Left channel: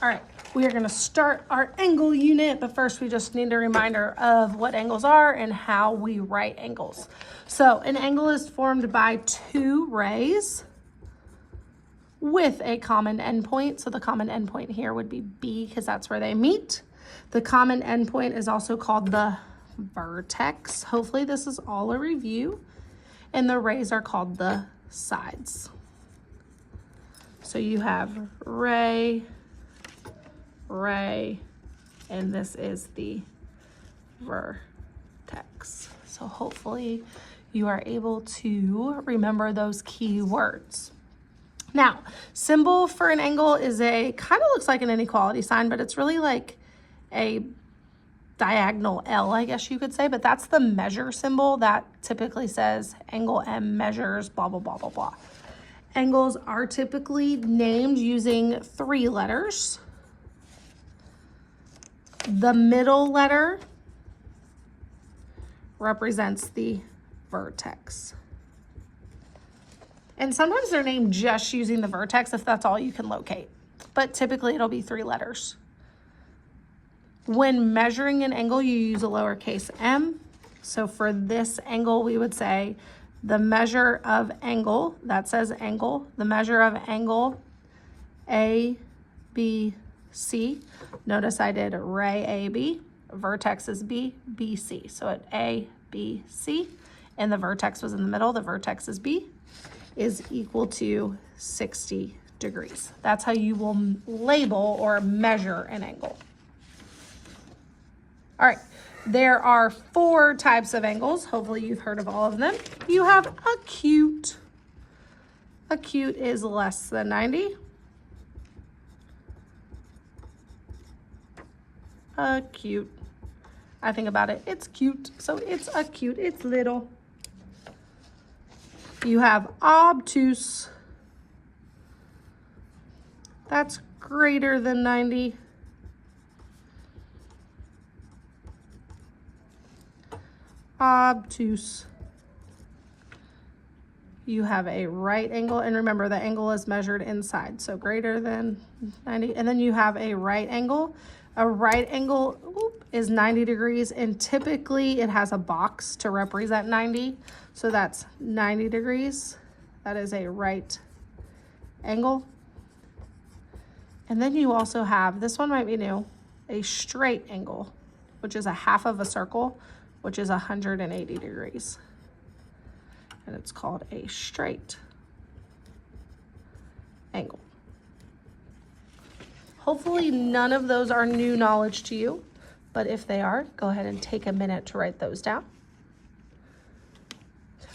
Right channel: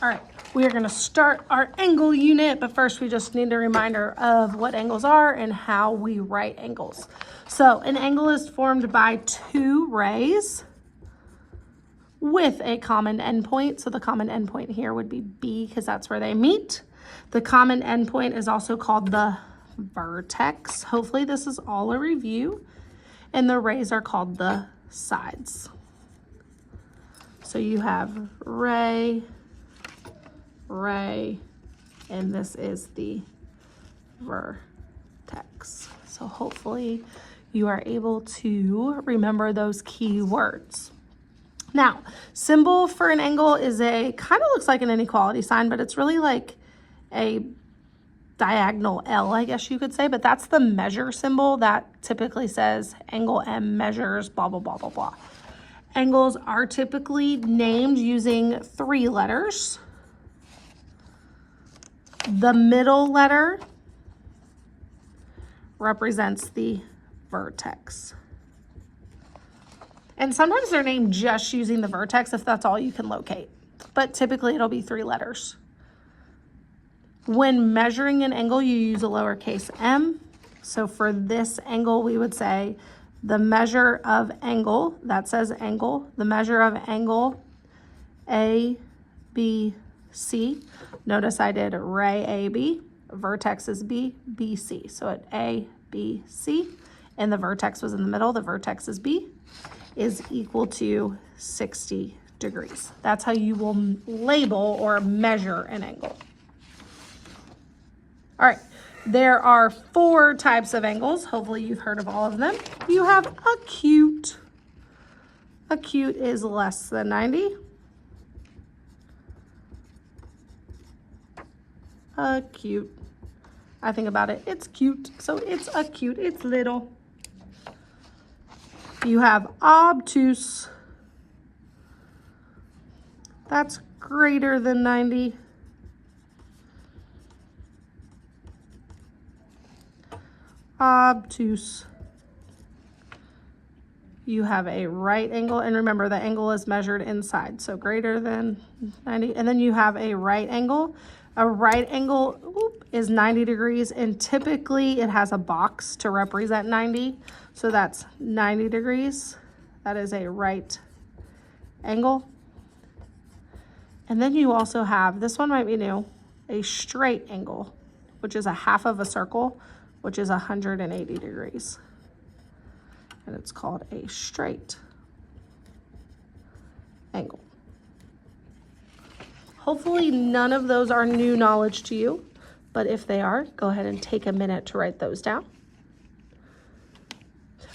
All right, we are gonna start our angle unit, but first we just need a reminder of what angles are and how we write angles. So an angle is formed by two rays with a common endpoint. So the common endpoint here would be B because that's where they meet. The common endpoint is also called the vertex. Hopefully this is all a review. And the rays are called the sides. So you have ray, ray, and this is the vertex. So hopefully you are able to remember those key words. Now, symbol for an angle is kind of looks like an inequality sign, but it's really like a diagonal L, I guess you could say, but that's the measure symbol that typically says angle M measures blah, blah, blah, blah, blah. Angles are typically named using 3 letters. The middle letter represents the vertex. And sometimes they're named just using the vertex if that's all you can locate. But typically it'll be 3 letters. When measuring an angle, you use a lowercase m. So for this angle, we would say the measure of angle, that says angle, the measure of angle A, B, C. Notice I did ray AB, vertex is B, B, C. So at A, B, C, and the vertex was in the middle, the vertex is B, is equal to 60 degrees. That's how you will label or measure an angle. All right, there are 4 types of angles. Hopefully you've heard of all of them. You have acute. Acute is less than 90. Acute. I think about it, it's cute. So it's acute, it's little. You have obtuse. That's greater than 90. Obtuse. You have a right angle, and remember the angle is measured inside, so greater than 90. And then you have a right angle. A right angle is 90 degrees, and typically it has a box to represent 90. So that's 90 degrees. That is a right angle. And then you also have, this one might be new, a straight angle, which is a half of a circle, which is 180 degrees. And it's called a straight angle. Hopefully none of those are new knowledge to you, but if they are, go ahead and take a minute to write those down.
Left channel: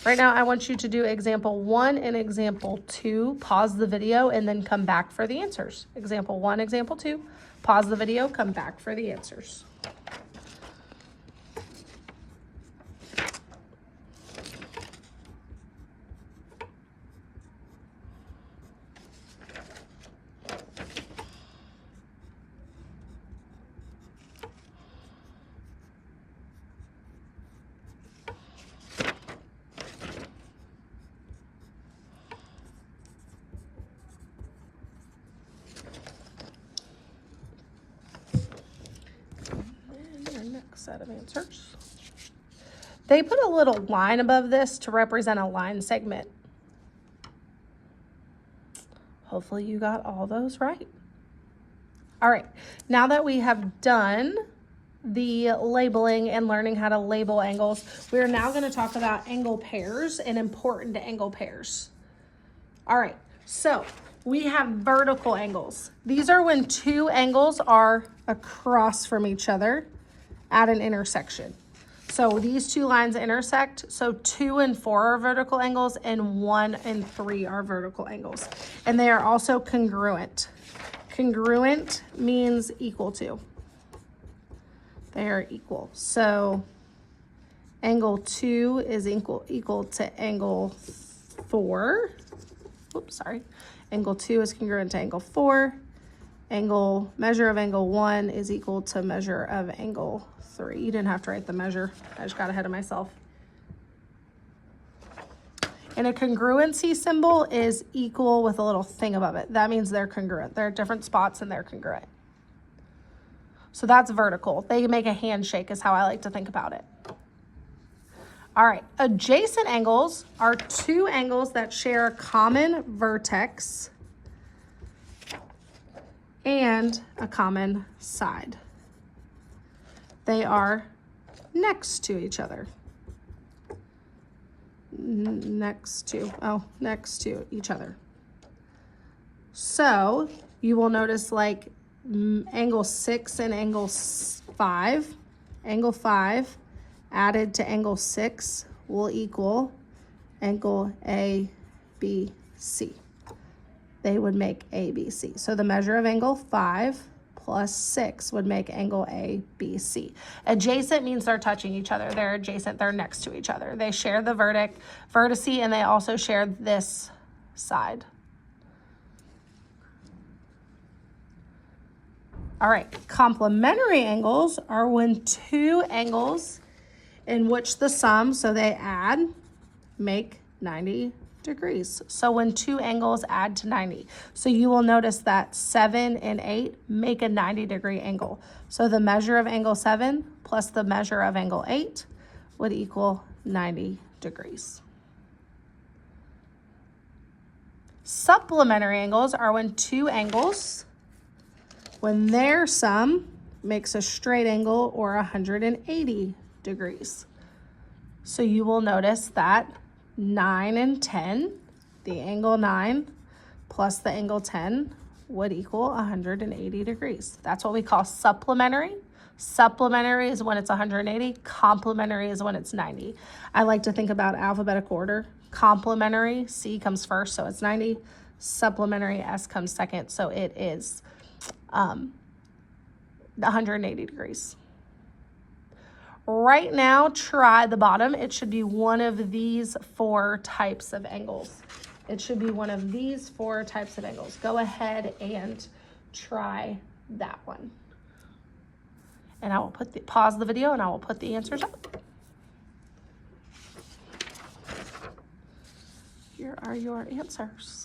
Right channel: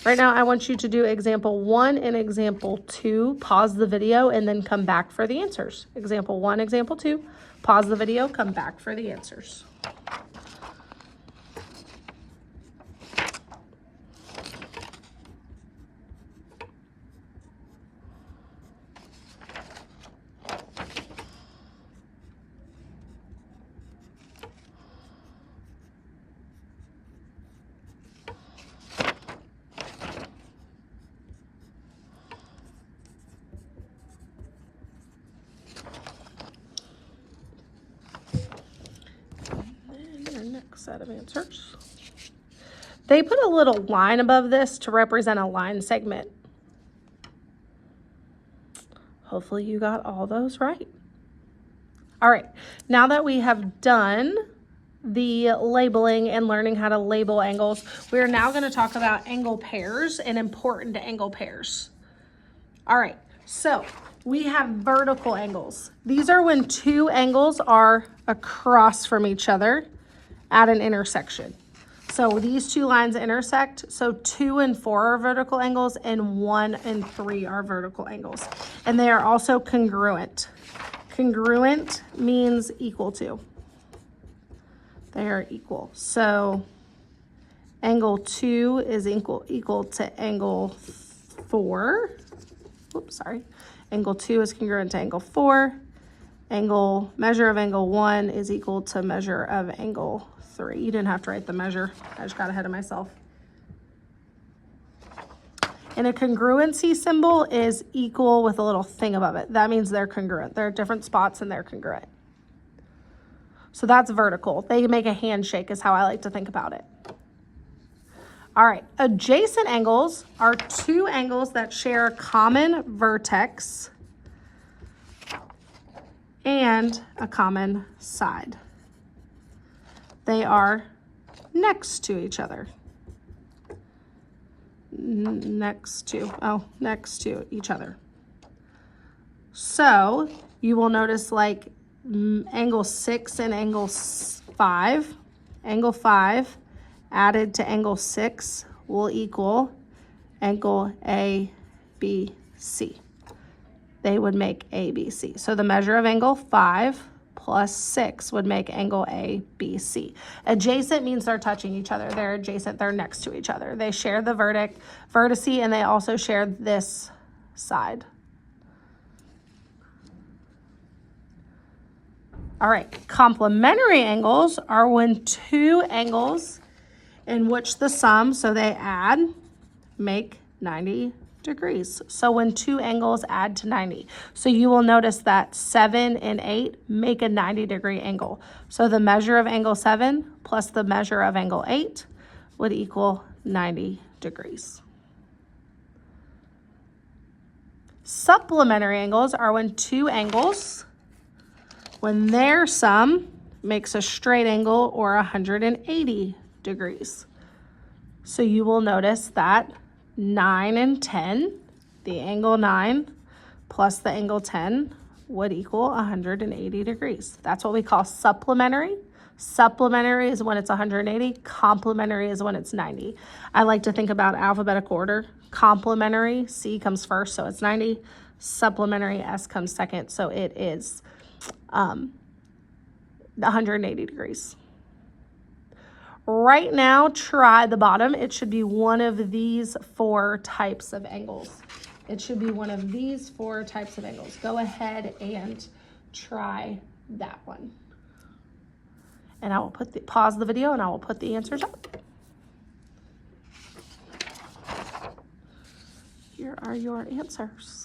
Right now, I want you to do example 1 and example 2, pause the video, and then come back for the answers. Example 1, example 2, pause the video, come back for the answers. Set of answers. They put a little line above this to represent a line segment. Hopefully you got all those right. All right, now that we have done the labeling and learning how to label angles, we're now going to talk about angle pairs and important angle pairs. All right, so we have vertical angles. These are when 2 angles are across from each other at an intersection. So these 2 lines intersect. So 2 and 4 are vertical angles and 1 and 3 are vertical angles. And they are also congruent. Congruent means equal to. They are equal. So angle 2 is equal to angle 4. Oops, sorry. Angle 2 is congruent to angle 4. Measure of angle 1 is equal to measure of angle 3. You didn't have to write the measure. I just got ahead of myself. And a congruency symbol is equal with a little thing above it. That means they're congruent. They're at different spots and they're congruent. So that's vertical. They make a handshake is how I like to think about it. All right, adjacent angles are two angles that share a common vertex and a common side. They are next to each other. Next to each other. So you will notice like angle 6 and angle 5. Angle 5 added to angle 6 will equal angle ABC. They would make ABC. So the measure of angle 5 plus 6 would make angle ABC. Adjacent means they're touching each other. They're adjacent, they're next to each other. They share the vertex, and they also share this side. All right, complementary angles are when two angles in which the sum, so they add, make 90 degrees. So when two angles add to 90. So you will notice that 7 and 8 make a 90-degree angle. So the measure of angle 7 plus the measure of angle 8 would equal 90 degrees. Supplementary angles are when two angles, when their sum makes a straight angle or 180 degrees. So you will notice that 9 and 10, the angle 9 plus the angle 10 would equal 180 degrees. That's what we call supplementary. Supplementary is when it's 180, complementary is when it's 90. I like to think about alphabetical order. Complementary, C comes first, so it's 90. Supplementary, S comes second, so it is 180 degrees. Right now, try the bottom. It should be one of these 4 types of angles. It should be one of these 4 types of angles. Go ahead and try that one. And I will pause the video and I will put the answers up. Here are your answers.